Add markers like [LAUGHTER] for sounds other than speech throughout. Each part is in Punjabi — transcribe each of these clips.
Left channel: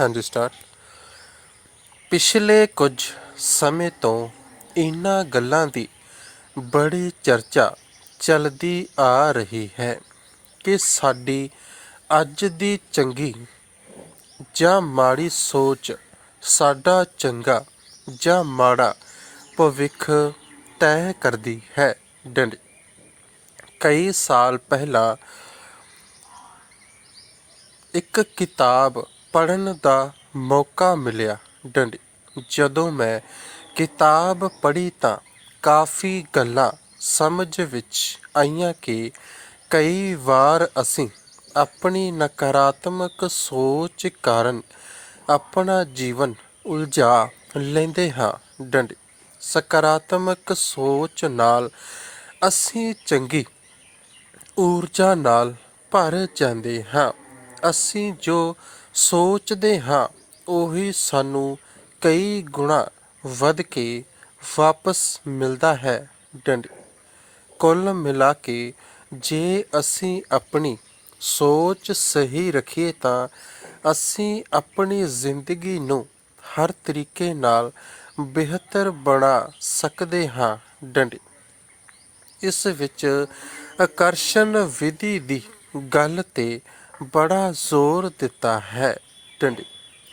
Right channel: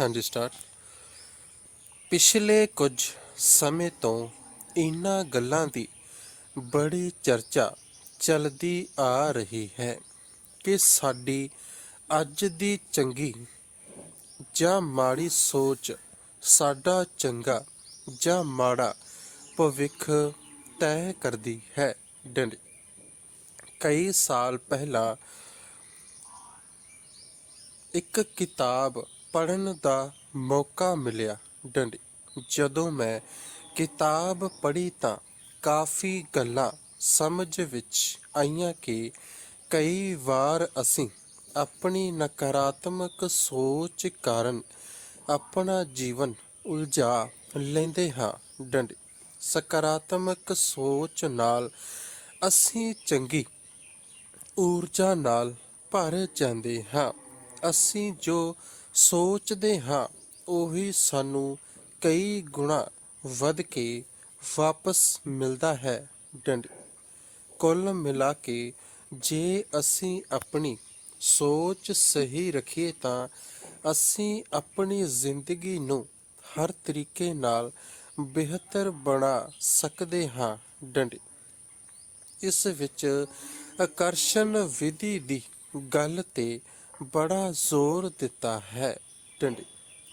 ਹਾਂਜੀ ਸਟਾਰ। ਪਿਛਲੇ ਕੁਝ ਸਮੇਂ ਤੋਂ ਇਹਨਾਂ ਗੱਲਾਂ ਦੀ ਬੜੀ ਚਰਚਾ ਚੱਲਦੀ ਆ ਰਹੀ ਹੈ ਕਿ ਸਾਡੀ ਅੱਜ ਦੀ ਚੰਗੀ ਜਾਂ ਮਾੜੀ ਸੋਚ ਸਾਡਾ ਚੰਗਾ ਜਾਂ ਮਾੜਾ ਭਵਿੱਖ ਤੈਅ ਕਰਦੀ ਹੈ ਡੰਡ। ਕਈ ਸਾਲ ਪਹਿਲਾਂ ਇੱਕ ਕਿਤਾਬ ਪੜ੍ਹਨ ਦਾ ਮੌਕਾ ਮਿਲਿਆ। ਡੰਡੀ, ਜਦੋਂ ਮੈਂ ਕਿਤਾਬ ਪੜ੍ਹੀ ਤਾਂ ਕਾਫੀ ਗੱਲਾਂ ਸਮਝ ਵਿੱਚ ਆਈਆਂ ਕਿ ਕਈ ਵਾਰ ਅਸੀਂ ਆਪਣੀ ਨਕਾਰਾਤਮਕ ਸੋਚ ਕਾਰਨ ਆਪਣਾ ਜੀਵਨ ਉਲਝਾ ਲੈਂਦੇ ਹਾਂ। ਡੰਡੀ, ਸਕਾਰਾਤਮਕ ਸੋਚ ਨਾਲ ਅਸੀਂ ਚੰਗੀ ਊਰਜਾ ਨਾਲ ਭਰ ਜਾਂਦੇ ਹਾਂ। ਅਸੀਂ ਜੋ ਸੋਚਦੇ ਹਾਂ, ਉਹੀ ਸਾਨੂੰ ਕਈ ਗੁਣਾ ਵੱਧ ਕੇ ਵਾਪਸ ਮਿਲਦਾ ਹੈ। ਡੰਡੀ। ਕੁੱਲ ਮਿਲਾ ਕੇ ਜੇ ਅਸੀਂ ਆਪਣੀ ਸੋਚ ਸਹੀ ਰੱਖੀਏ ਤਾਂ ਅਸੀਂ ਆਪਣੀ ਜ਼ਿੰਦਗੀ ਨੂੰ ਹਰ ਤਰੀਕੇ ਨਾਲ ਬਿਹਤਰ ਬਣਾ ਸਕਦੇ ਹਾਂ। ਡੰਡੀ। ਇਸ ਵਿੱਚ ਆਕਰਸ਼ਣ ਵਿਧੀ ਦੀ ਗੱਲ ਤੇ ਬੜਾ ਜ਼ੋਰ ਦਿੱਤਾ ਹੈ। ਡੰਡੀ,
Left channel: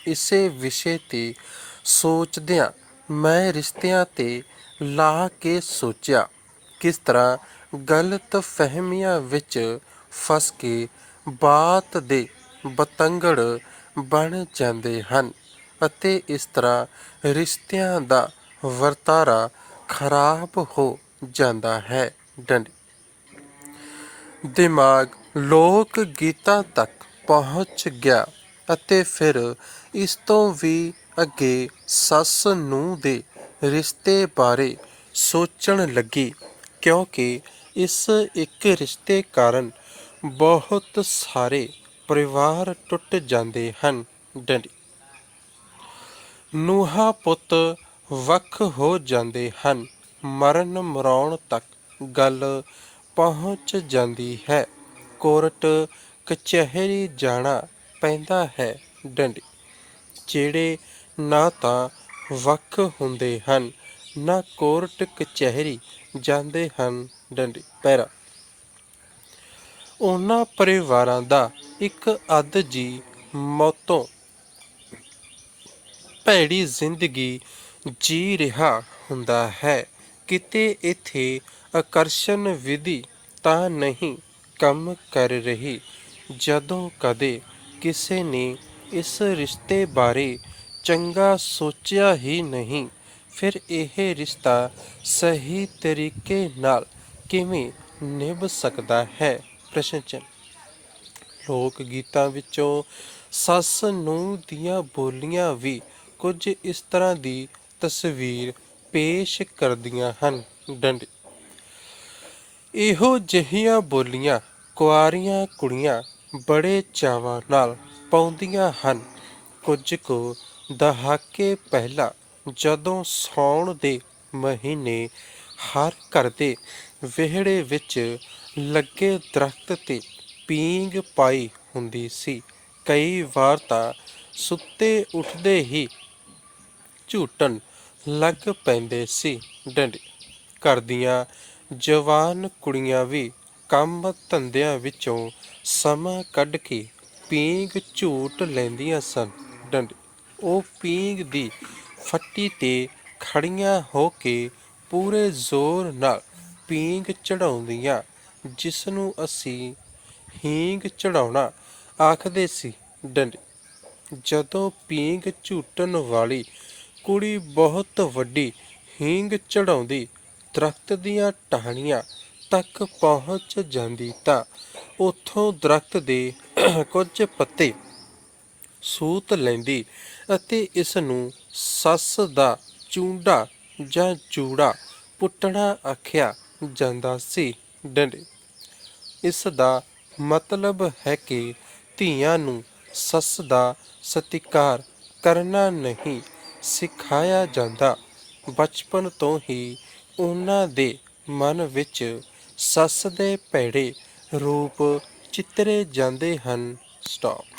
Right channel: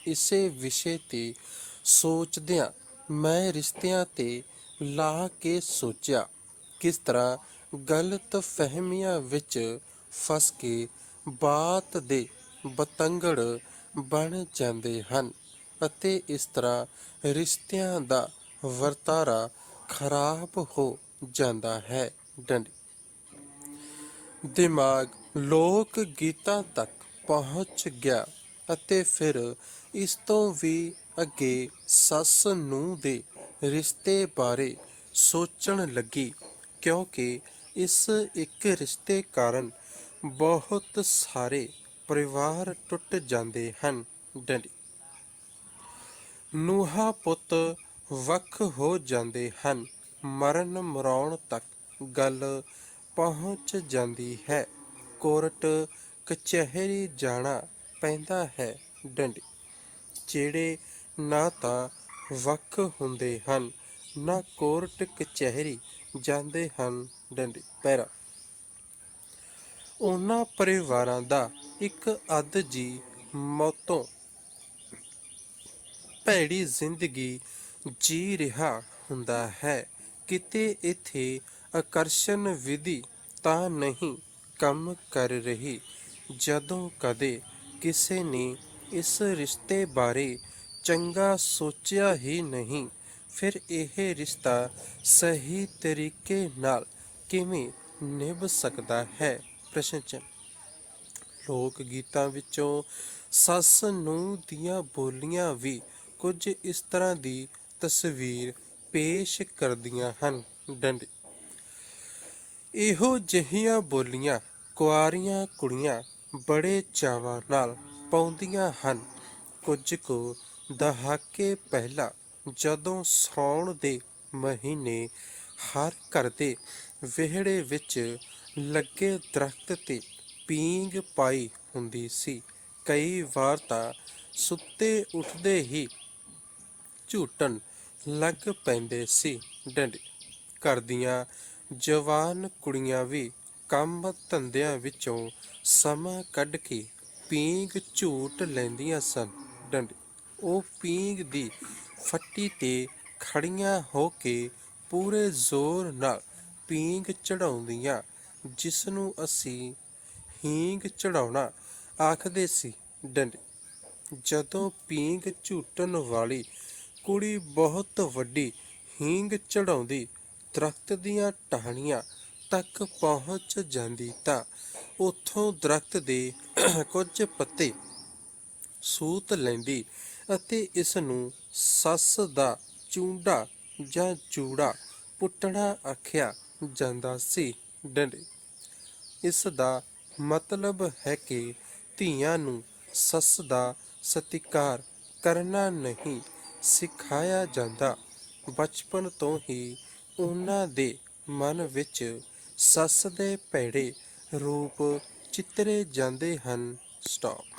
ਇਸੇ ਵਿਸ਼ੇ ਤੇ ਸੋਚਦਿਆਂ ਮੈਂ ਰਿਸ਼ਤਿਆਂ ਤੇ ਲਾ ਕੇ ਸੋਚਿਆ, ਕਿਸ ਤਰ੍ਹਾਂ ਗਲਤ ਫਹਿਮੀਆਂ ਵਿੱਚ ਫਸ ਕੇ ਬਾਤ ਦੇ ਬਤੰਗੜ ਬਣ ਜਾਂਦੇ ਹਨ ਅਤੇ ਇਸ ਤਰ੍ਹਾਂ ਰਿਸ਼ਤਿਆਂ ਦਾ ਵਰਤਾਰਾ ਖਰਾਬ ਹੋ ਜਾਂਦਾ ਹੈ। ਡੰਡ, ਦਿਮਾਗ ਲੋਕ ਗੀਤਾਂ ਤੱਕ ਪਹੁੰਚ ਗਿਆ ਅਤੇ ਫਿਰ ਇਸ ਤੋਂ ਵੀ ਅੱਗੇ ਸੱਸ ਨੂੰ ਦੇ ਰਿਸ਼ਤੇ ਬਾਰੇ ਸੋਚਣ ਲੱਗੀ, ਕਿਉਂਕਿ ਇਸ ਇੱਕ ਰਿਸ਼ਤੇ ਕਾਰਨ ਬਹੁਤ ਸਾਰੇ ਪਰਿਵਾਰ ਟੁੱਟ ਜਾਂਦੇ ਹਨ। ਡੰਡੀ। ਨੂਹਾ ਪੁੱਤ ਵੱਖ ਹੋ ਜਾਂਦੇ ਹਨ। ਮਰਨ ਮਰਾਉਣ ਤੱਕ ਗੱਲ ਪਹੁੰਚ ਜਾਂਦੀ ਹੈ। ਕੋਰਟ ਕਚਹਿਰੀ ਜਾਣਾ ਪੈਂਦਾ ਹੈ ਡੰਡੀ। ਜਿਹੜੇ ਨਾ ਤਾਂ ਵੱਖ ਹੁੰਦੇ ਹਨ, ਨਾ ਕੋਰਟ ਕਚਹਿਰੀ ਜਾਂਦੇ ਹਨ ਡੰਡੀ ਪੈਰਾ। ਉਹਨਾਂ ਪਰਿਵਾਰਾਂ ਦਾ ਇੱਕ ਅੱਧ ਜੀ ਮੌਤੋਂ ਭੈੜੀ ਜ਼ਿੰਦਗੀ ਜੀ ਰਿਹਾ ਹੁੰਦਾ ਹੈ। ਕਿਤੇ ਇੱਥੇ ਆਕਰਸ਼ਣ ਵਿਧੀ ਤਾਂ ਨਹੀਂ ਕੰਮ ਕਰ ਰਹੀ। ਜਦੋਂ ਕਦੇ ਕਿਸੇ ਨੇ ਇਸ ਰਿਸ਼ਤੇ ਬਾਰੇ ਚੰਗਾ ਸੋਚਿਆ ਹੀ ਨਹੀਂ, ਫਿਰ ਇਹ ਰਿਸ਼ਤਾ ਸਹੀ ਤਰੀਕੇ ਨਾਲ ਕਿਵੇਂ ਨਿਭ ਸਕਦਾ ਹੈ? ਪ੍ਰਸ਼ਨ ਚਿੰਨ੍ਹ। ਲੋਕ ਗੀਤਾਂ ਵਿੱਚੋਂ ਸੱਸ ਨੂੰ ਦੀਆਂ ਬੋਲੀਆਂ ਵੀ ਕੁਝ ਇਸ ਤਰ੍ਹਾਂ ਦੀ ਤਸਵੀਰ ਪੇਸ਼ ਕਰਦੀਆਂ ਹਨ। ਡੰਡ ਇਹੋ ਜਿਹੀਆਂ ਬੋਲੀਆਂ ਕੁਆਰੀਆਂ ਕੁੜੀਆਂ ਬੜੇ ਚਾਵਾਂ ਨਾਲ ਪਾਉਂਦੀਆਂ ਹਨ। ਕੁਝ ਕੁ ਦਹਾਕੇ ਪਹਿਲਾਂ ਜਦੋਂ ਸੌਣ ਦੇ ਮਹੀਨੇ ਹਰ ਘਰ ਦੇ ਵਿਹੜੇ ਵਿੱਚ ਲੱਗੇ ਦਰਖਤ ਤੇ ਪੀਂਗ ਪਾਈ ਹੁੰਦੀ ਸੀ, ਕਈ ਵਾਰ ਤਾਂ ਸੁੱਤੇ ਉੱਠਦੇ ਹੀ ਝੂਟਣ ਲੱਗ ਪੈਂਦੇ ਸੀ। ਡੰਡੀ ਘਰ ਦੀਆਂ ਜਵਾਨ ਕੁੜੀਆਂ ਵੀ ਕੰਮ ਧੰਦਿਆਂ ਵਿੱਚੋਂ ਸਮਾਂ ਕੱਢ ਕੇ ਪੀਂਘ ਝੂਟ ਲੈਂਦੀਆਂ ਸਨ। ਡੰਡੀ। ਉਹ ਪੀਂਘ ਦੀ ਫੱਟੀ ਤੇ ਖੜੀਆਂ ਹੋ ਕੇ ਪੂਰੇ ਜ਼ੋਰ ਨਾਲ ਪੀਂਘ ਚੜਾਉਂਦੀਆਂ ਜਿਸ ਨੂੰ ਅਸੀਂ ਹੀਂਗ ਚੜਾਉਣਾ ਆਖਦੇ ਸੀ। ਡੰਡੀ। ਜਦੋਂ ਪੀਂਘ ਝੂਟਣ ਵਾਲੀ ਕੁੜੀ ਬਹੁਤ ਵੱਡੀ ਹੀਂਗ ਚੜਾਉਂਦੀ ਦਰਖਤ ਦੀਆਂ ਟਾਹਣੀਆਂ ਤੱਕ ਪਹੁੰਚ ਜਾਂਦੀ ਤਾਂ ਉੱਥੋਂ ਦਰਖਤ ਦੇ [CLEARS THROAT] ਕੁਝ ਪੱਤੇ ਸੂਤ ਲੈਂਦੀ ਅਤੇ ਇਸ ਨੂੰ ਸੱਸ ਦਾ ਚੂੰਡਾ ਜਾਂ ਚੂੜਾ ਪੁੱਟਣਾ ਆਖਿਆ ਜਾਂਦਾ ਸੀ ਡੰਡੇ। ਇਸ ਦਾ ਮਤਲਬ ਹੈ ਕਿ ਧੀਆਂ ਨੂੰ ਸੱਸ ਦਾ ਸਤਿਕਾਰ ਕਰਨਾ ਨਹੀਂ ਸਿਖਾਇਆ ਜਾਂਦਾ। ਬਚਪਨ ਤੋਂ ਹੀ ਉਹਨਾਂ ਦੇ ਮਨ ਵਿੱਚ ਸੱਸ ਦੇ ਭੈੜੇ ਰੂਪ ਚਿੱਤਰੇ ਜਾਂਦੇ ਹਨ। ਸਟਾਪ